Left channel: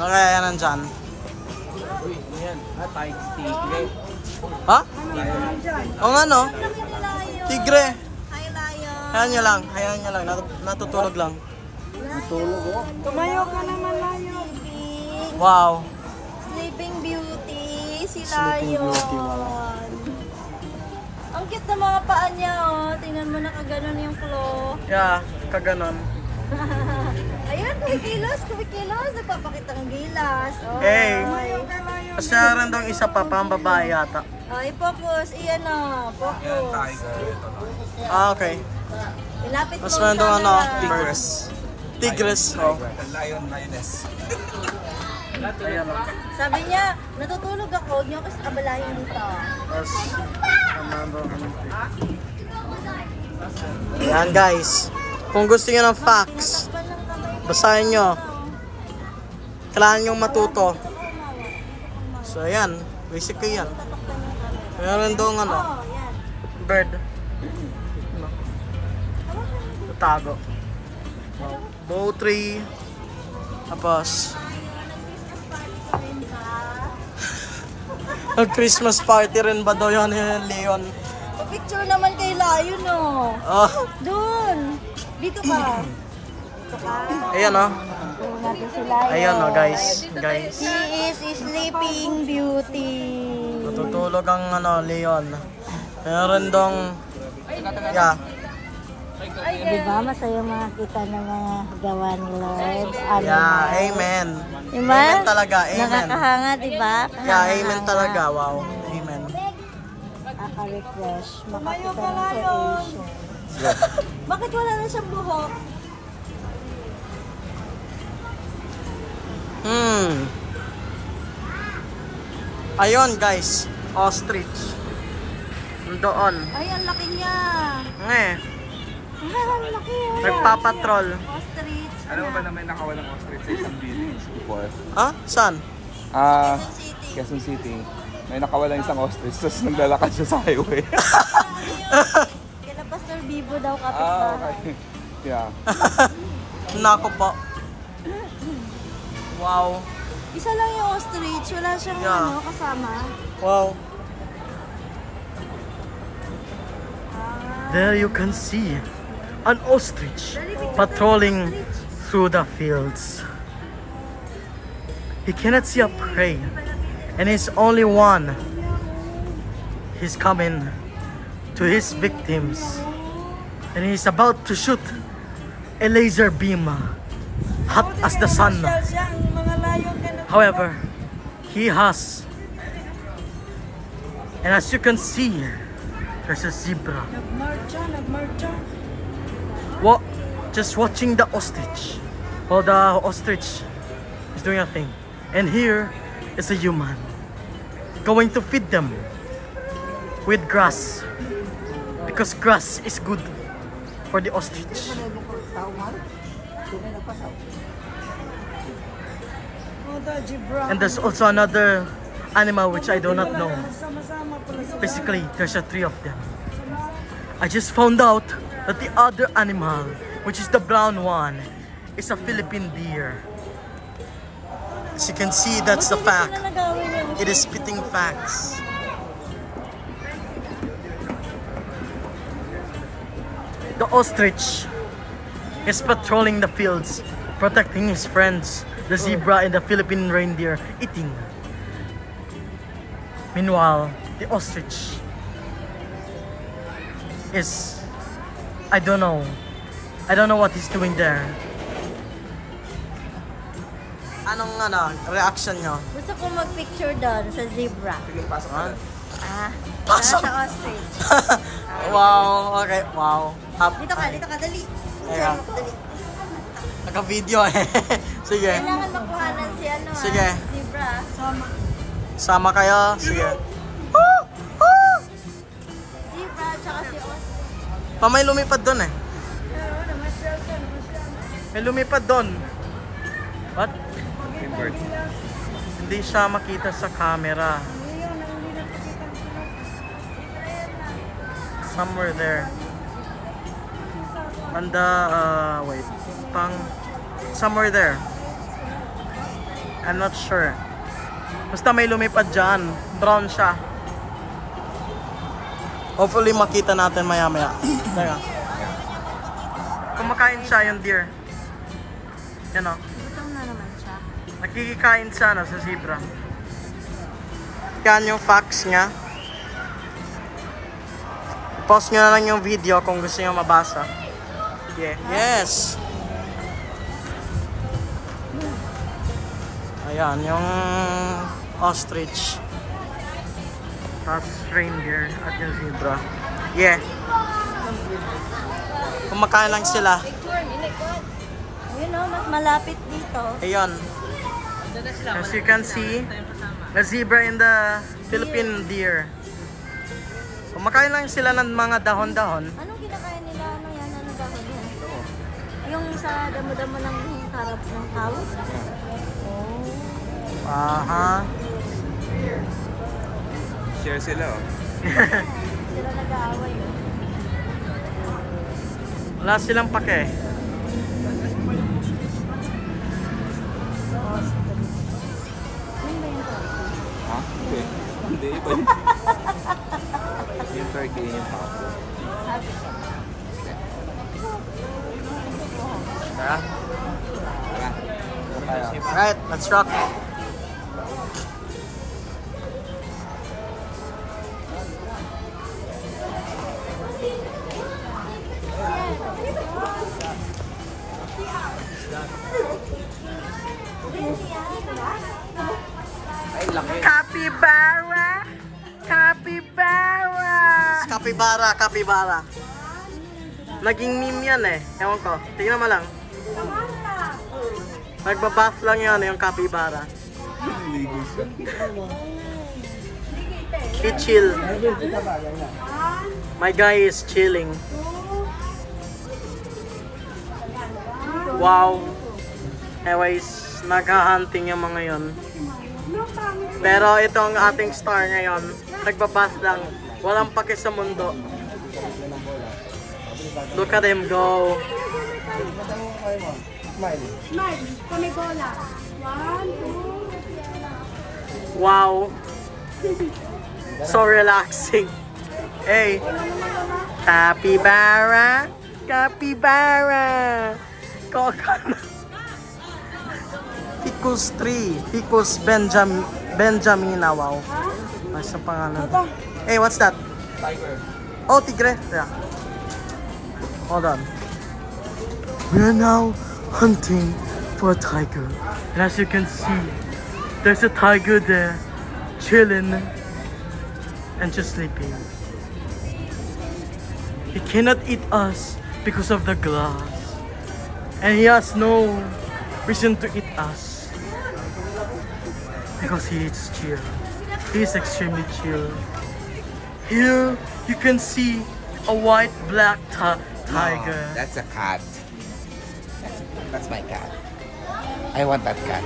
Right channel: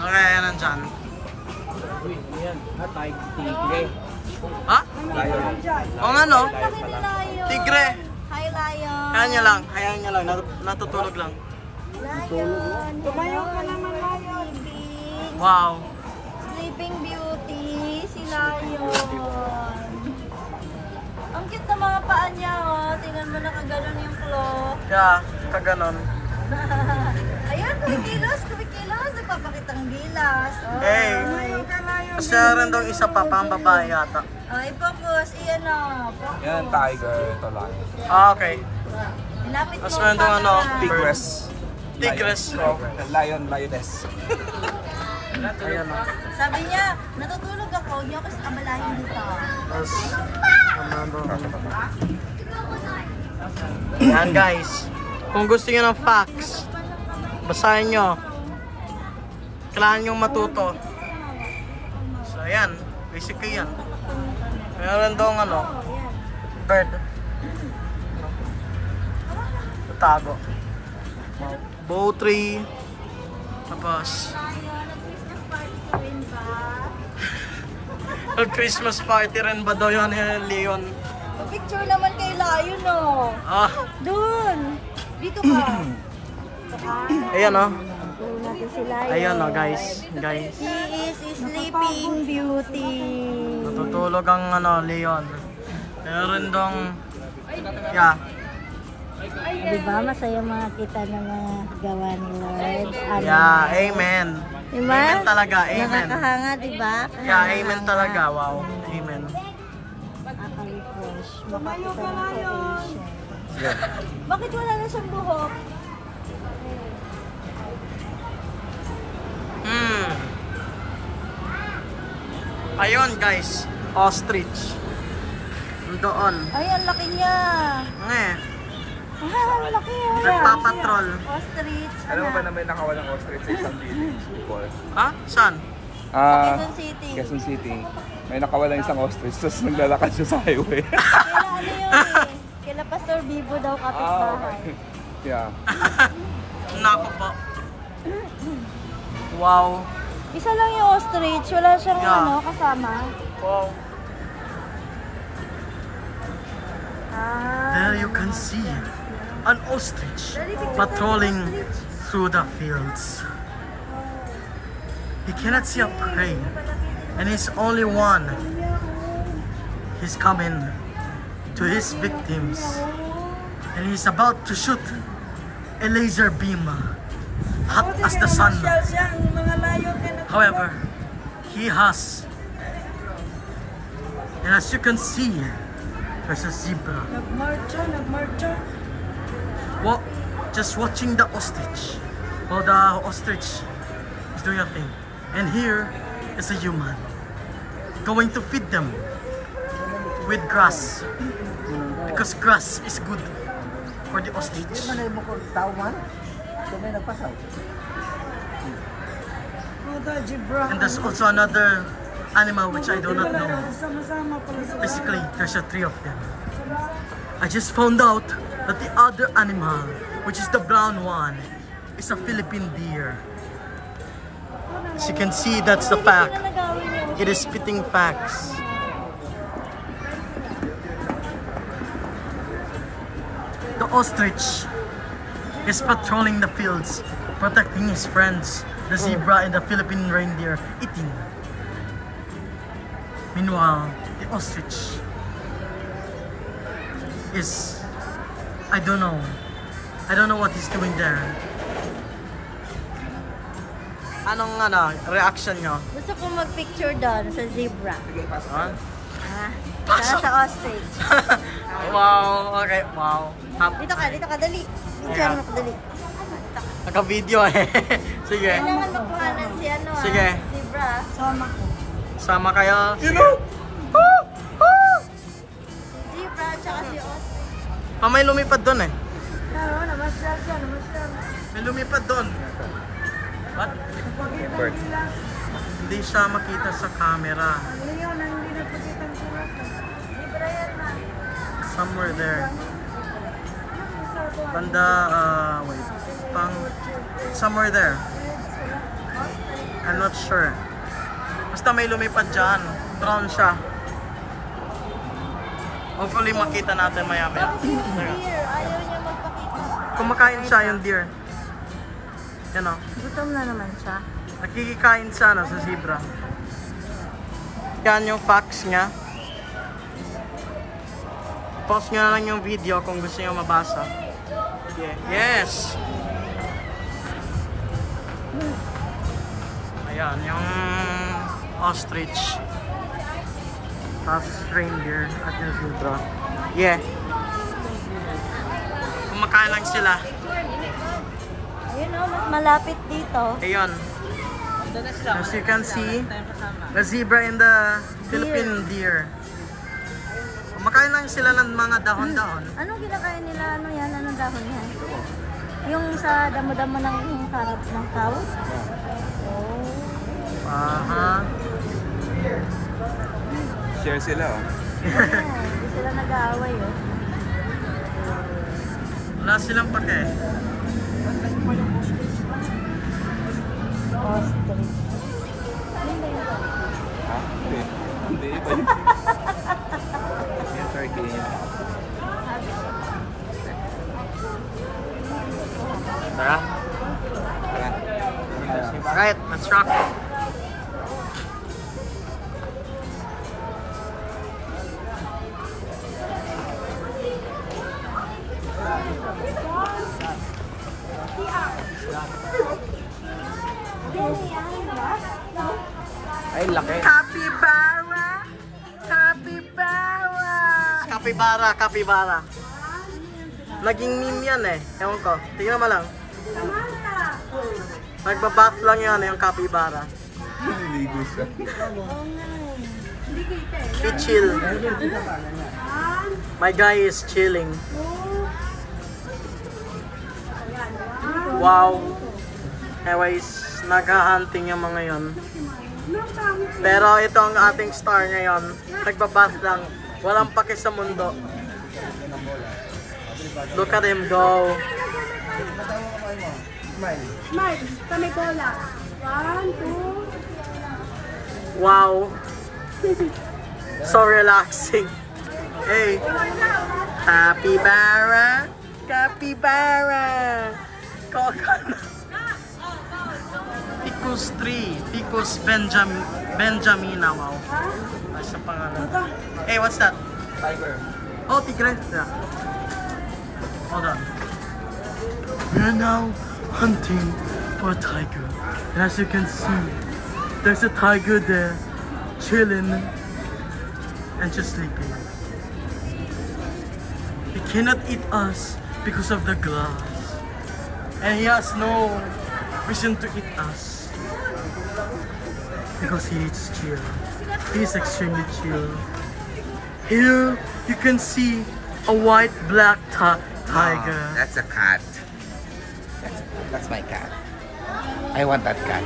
Okay, yan nandyan. Uy, ano yan? Tigre. Ha? O nga no? Tigre. Hi, Lion. Hayaan niya lang. Natutulog lang. Natulog oh. Tumayo ka naman, Sleeping. Wow. Sleeping Beauty. Si Lion. Ang cute na mga paa niya, oh. Tingnan mo na kaganon yung claw. Yeah, kaganon. Ayan, kumikilos. Nagpapakita ng gilas. Oh, Hey. tumayo ka, Lion. Kasi meron daw isa pa, pang babae yata. Ay, focus. Iyan na. Focus. Tiger. Ito lang. Okay. Ilapit mo Mas meron daw ano, camera. Tigres. Oh. Lioness. Ayan o. Sabi niya, natutulog ako. Huwag niyo ako sa kabalahin dito. Tapos, yan guys. Kung gusto nyo ng facts, basahin nyo. Kailangan nyo matuto. So ayan, basically yan. Meron daw ano, bird. Tago. Wow. Bow tree. Tapos, Christmas party rin ba daw yun, Leon? Picture naman kay Lion, oh. Ah, Doon. Dito ka. ayan o. Doon natin si Lion. Ayan o guys. He is Sleeping Beauty. Natutulog ang ano, Leon. Meron dong, yeah. Diba, masaya makakita ng mga gawa ni Lord. Yeah, amen. Diba? Amen talaga, amen. Nakakahanga, diba? Yeah, amen talaga, wow. Amen. Nakaka-refresh. Tumayo ka, Lion. Yeah. Bakit wala na siyang buhok? Ayun guys, ostrich. Doon. Ay, ang laki niya. Ang laki yan. Nagpapatrol. Ostrich. Alam ba na may nakawalang ostrich sa isang village? Ha? Saan? Quezon City. May nakawalang isang ostrich, tapos naglalakad siya sa highway. Kila Pastor Bibo daw kapitbahay. Yeah. Nako po. Wow. Isa lang yung ostrich. Wala siyang Yeah. kasama. Wow. There you can see an ostrich patrolling through the fields. He cannot see a prey, and he's only one. He's coming to his victims, and he's about to shoot a laser beam, hot as the sun. However, he has, and as you can see, there's a zebra. Nagmarcha. What? Just watching the ostrich. Well, the ostrich is doing a thing. And here is a human going to feed them with grass. Because grass is good for the ostrich. And there's also another animal which I do not know. Basically, there's a three of them. I just found out that the other animal, which is the brown one, is a Philippine deer. As you can see, that's the fact. It is spitting facts. The ostrich is patrolling the fields, protecting his friends, the zebra and the Philippine reindeer, eating. Meanwhile, the ostrich is, I don't know what he's doing there. Anong reaction nyo? Gusto ko mag-picture doon sa zebra. Ano? Sa ostrich. Wow, okay, wow. Dito ka, dali. Ayan. Dali. Naka-video eh. Sige. Kailangan makuhanan si Sige. zebra. Sama kayo. Sige. Zebra, tsaka si ostrich. May lumipad doon eh. May lumipad doon. What? Bird. Hindi siya makita sa camera. Somewhere there. Banda, wait. Somewhere there. I'm not sure. Basta may lumipad dyan. Brown siya. Hopefully makita natin maya-maya. Kumakain siya yung deer. Yan o. Gutom na naman siya. Nakikikain siya sa zebra. Yan yung facts niya. Pause nyo na lang yung video kung gusto nyo mabasa. Yeah. Yes! Ayan, yung ostrich. Tapos reindeer at yung zebra. Yeah. Kumakain lang sila. Ayun o, mas malapit dito. Ayun. As you can see, the zebra and the Philippine deer. Kumakain lang sila ng mga dahon-dahon. Anong kinakain nila? Ano yan? Anong dahon yan? Yung sa damo-damo ng sarap ng tao? Oh. Aha. Share sila. Sila nag-aaway. Wala silang pake. Ha? Hindi. Hindi. Iba yun. Yung turkey yung papo. Tara. Alright, let's rock. Capybara! Capybara! Capybara, capybara. Naging meme yan eh. Ewan ko. Tingnan mo lang. Nagbabath lang yan yung capybara. Ligo siya. He chill. My guy is chilling. Wow. Anyways, nag-hunting yung mga yon. Pero ito ang ating star ngayon. Nagbabath lang. Walang pake sa mundo. Look at him go. Smile, kami cola. 1, 2. Wow. So relaxing. Hey. Capybara. Capybara. Ficus tree. Ficus benjamina. Wow. Nasa pangalan. Hey, what's that? Tiger. Oh, tigre. Yeah. Hold on. We are now hunting for a tiger. And as you can see, there's a tiger there, chilling and just sleeping. He cannot eat us because of the glass. And he has no reason to eat us. Because he is chill. He is extremely chill. Here you can see a white-black tiger. That's a cat. That's my cat. I want that cat.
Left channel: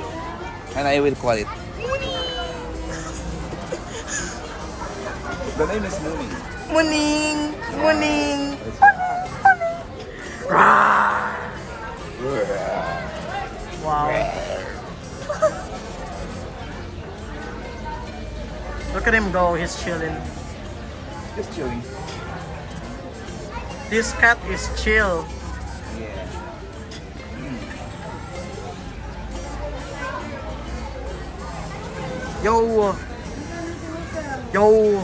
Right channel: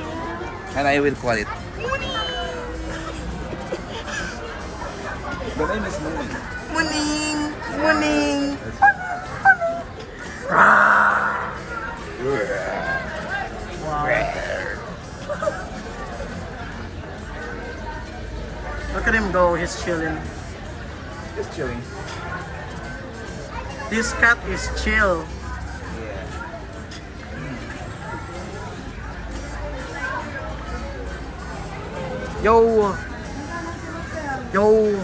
And I will call it Mooney. The name is Mooney. Muning! Muning! Wow. Look at him go, he's chilling. Just chilling. This cat is chill. Yo! Yo!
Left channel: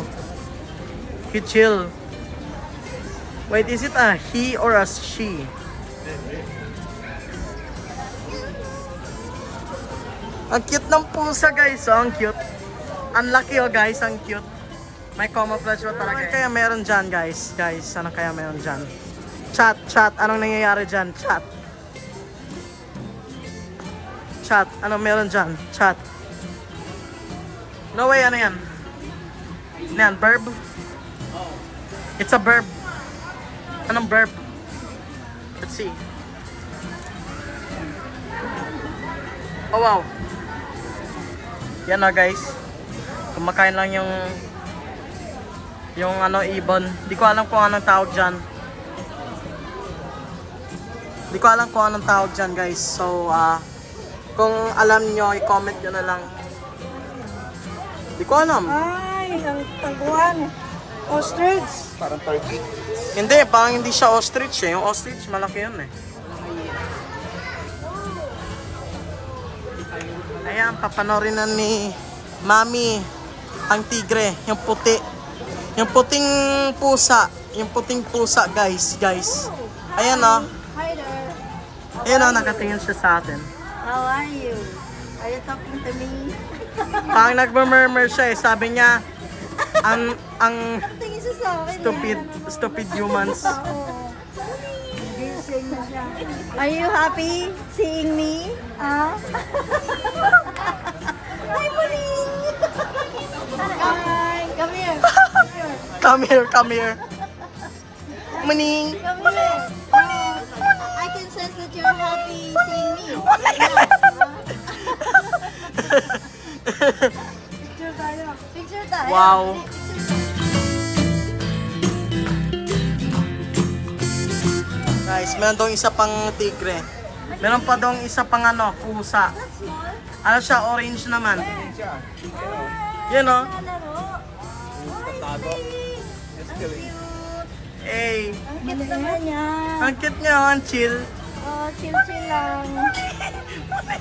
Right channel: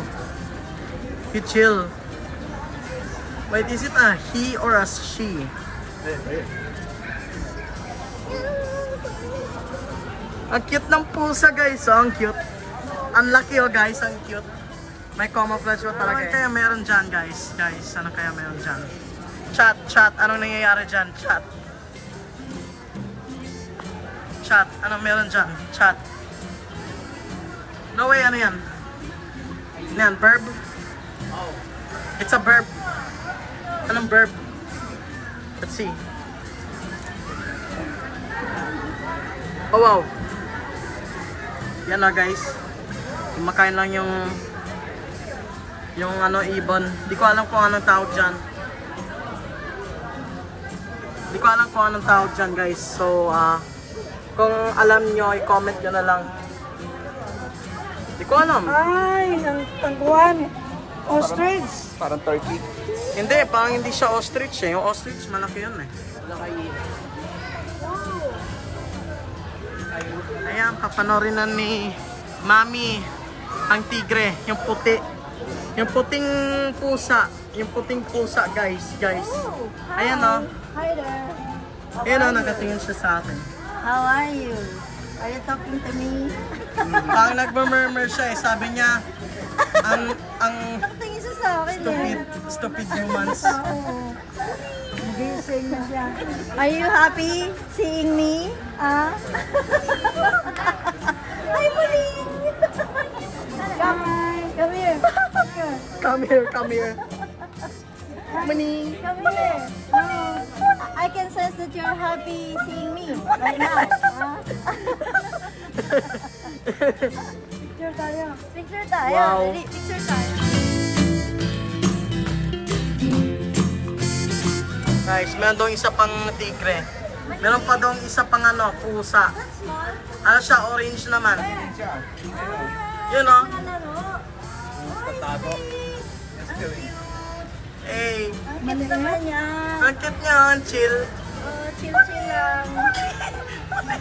He chill. Wait, is it a he or a she? Ang cute ng pusa guys, oh, ang cute. Ang laki oh guys, ang cute. May camouflage pa talaga. Ano kaya meron dyan guys? Guys, ano kaya meron dyan? Chat, chat. Anong nangyayari dyan? Chat. Chat. Anong meron dyan? Chat. No way, ano yan? Ano yan? Verb? It's a verb. Anong verb? Let's see. Oh wow. Yan na guys. Kumakain lang yung ano ibon. Di ko alam kung anong tawag dyan. Di ko alam kung anong tawag dyan guys. So Kung alam nyo, i-comment nyo na lang. Di ko alam. Ay, ang tangguan. Ostrich. Parang turkey. Hindi, parang hindi siya ostrich eh. Yung ostrich, malaki yun eh. Ayan, papanorin na ni Mami ang tigre, yung puti. Yung puting pusa. Yung puting pusa, guys. Ayan o. Hi there. Ayan o, nakatingin siya sa akin. How are you? Are you talking to me? Parang nagmamurmur siya eh. Sabi niya, ang Tingin siya sa akin. stupid humans. Gising na siya. Are you happy seeing me? Ah? Hi, Muling! Come here. Come here. Muning. Come here. I can sense that you're happy seeing me. Right now. Picture tayo. Picture tayo. Wow. Picture tayo. Guys, meron doon isa pang tigre. Meron pa doon isa pang ano, pusa. Ano siya, orange naman. Yun o. Tago. Eh, Ang cute naman yan. ang cute niya, ang chill. Oh, chill lang.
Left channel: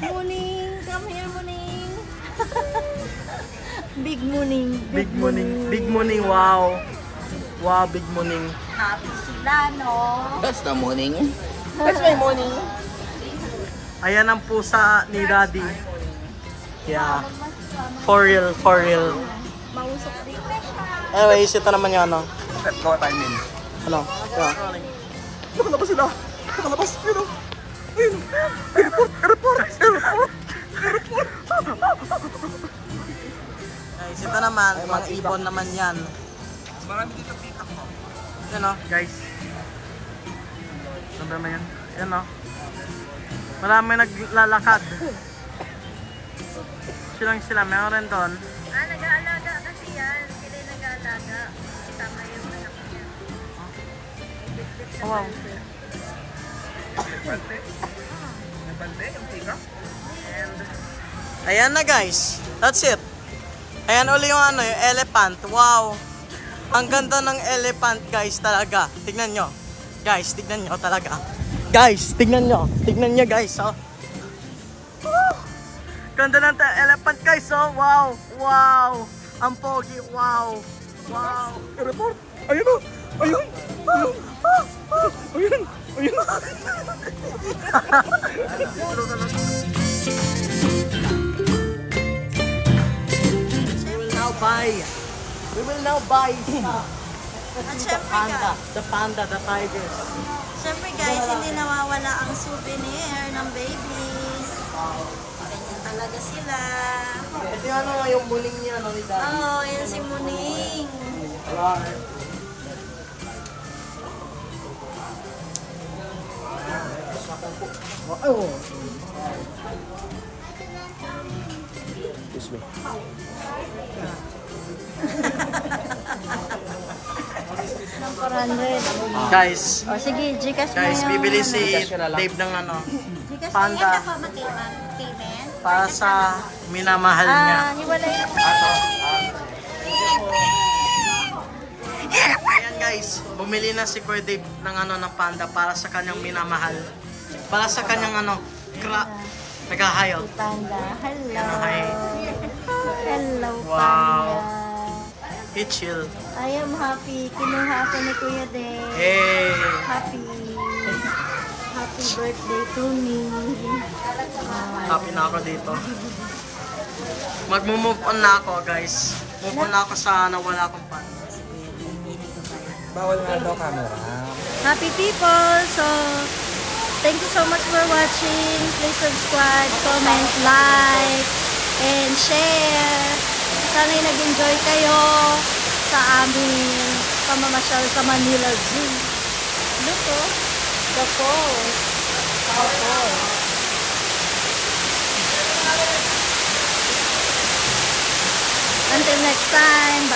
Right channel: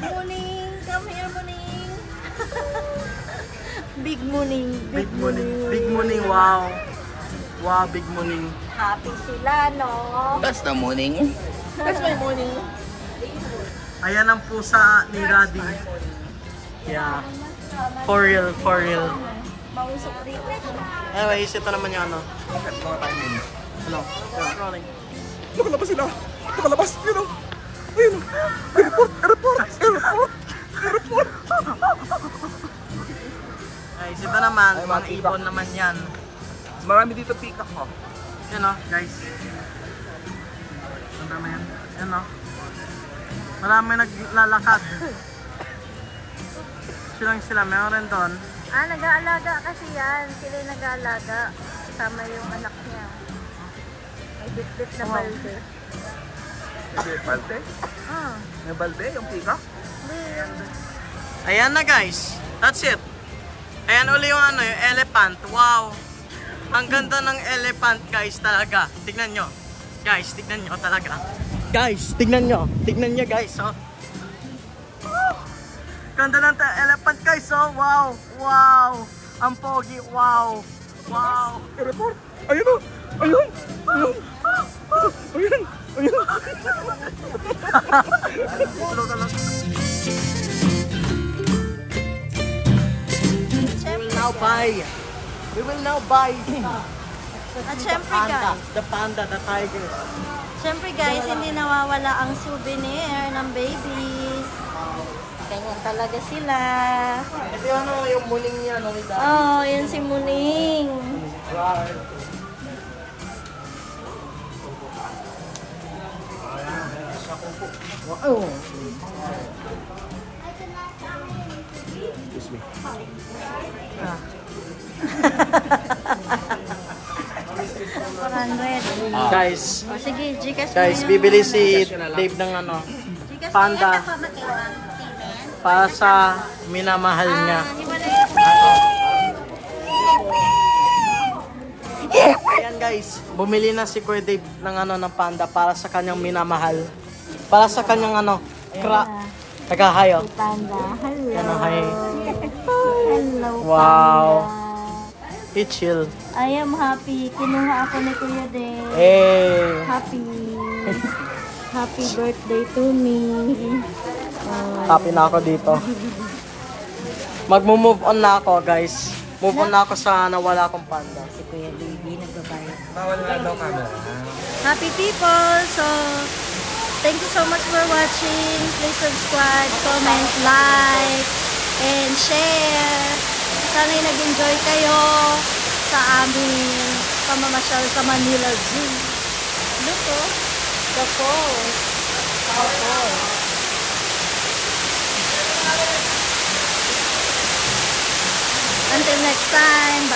Muning. Come here, Muning. Big Muning. Big Muning, wow. Wow, Big Muning. Happy sila, no? That's the morning. That's my Muning. Ayan ang pusa ni Daddy. Yeah. For real. Mausok dito. Anyways, ito naman yung ano. No time in. Ano? Rolling. Nakalabas sila. Nakalabas. Yun o. Ayun. Airport. Guys, ito naman, mga ibon naman yan. Marami dito peacock ko. Yan o, guys. Saan ba yan? Yan o. Marami naglalakad. Sila, meron rin doon. Ah, nag-aalaga kasi yan. Sila yung nag-aalaga. Kasama yung anak niya. Bit-bit na Wow. balde. May balde. Ah. May balde yung peacock. And, ayan na guys. That's it. Ayan uli yung ano, yung elephant. Wow. Ang ganda ng elephant guys talaga. Tignan nyo. Guys, tignan nyo talaga. Guys, tignan nyo. Tignan nyo guys. Oh. Ganda ng elephant guys. Oh. Wow. Ang pogi. Wow. Airport. Ayun o. Ayun. We will now buy At the syempre panda. guys, The panda, the tigers. syempre guys, hindi nawawala ang souvenir ng babies. Ganyan talaga sila. Ito yung ano, yung muling niya, no, ni Daddy. Oh, yan si Muling. Right. Wow. Excuse me. Guys, O sige, Gcash mo guys, yung... bibili si Dave ng ano, Gcash panda. mo yung payment. para sa minamahal niya. Ayan guys, bumili na si Kuya Dave ng ano, ng panda para sa kanyang minamahal. Para sa kanyang ano, naghahayo. Panda, hello. Ano, hi. Hello, Wow. Panda. He chill. I am happy. Kinuha ako ni Kuya Dave. Hey. Happy. Happy birthday to me. Happy na ako dito. Magmo-move on na ako guys. Move on na ako sa nawala kong panda. Si Kuya Baby, nagbabayad. Happy people! So, thank you so much for watching. Please subscribe, comment, like, and share. Sana'y nag-enjoy kayo sa aming pamamasyal sa Manila Zoo. Look, oh. The falls. The falls. Until next time.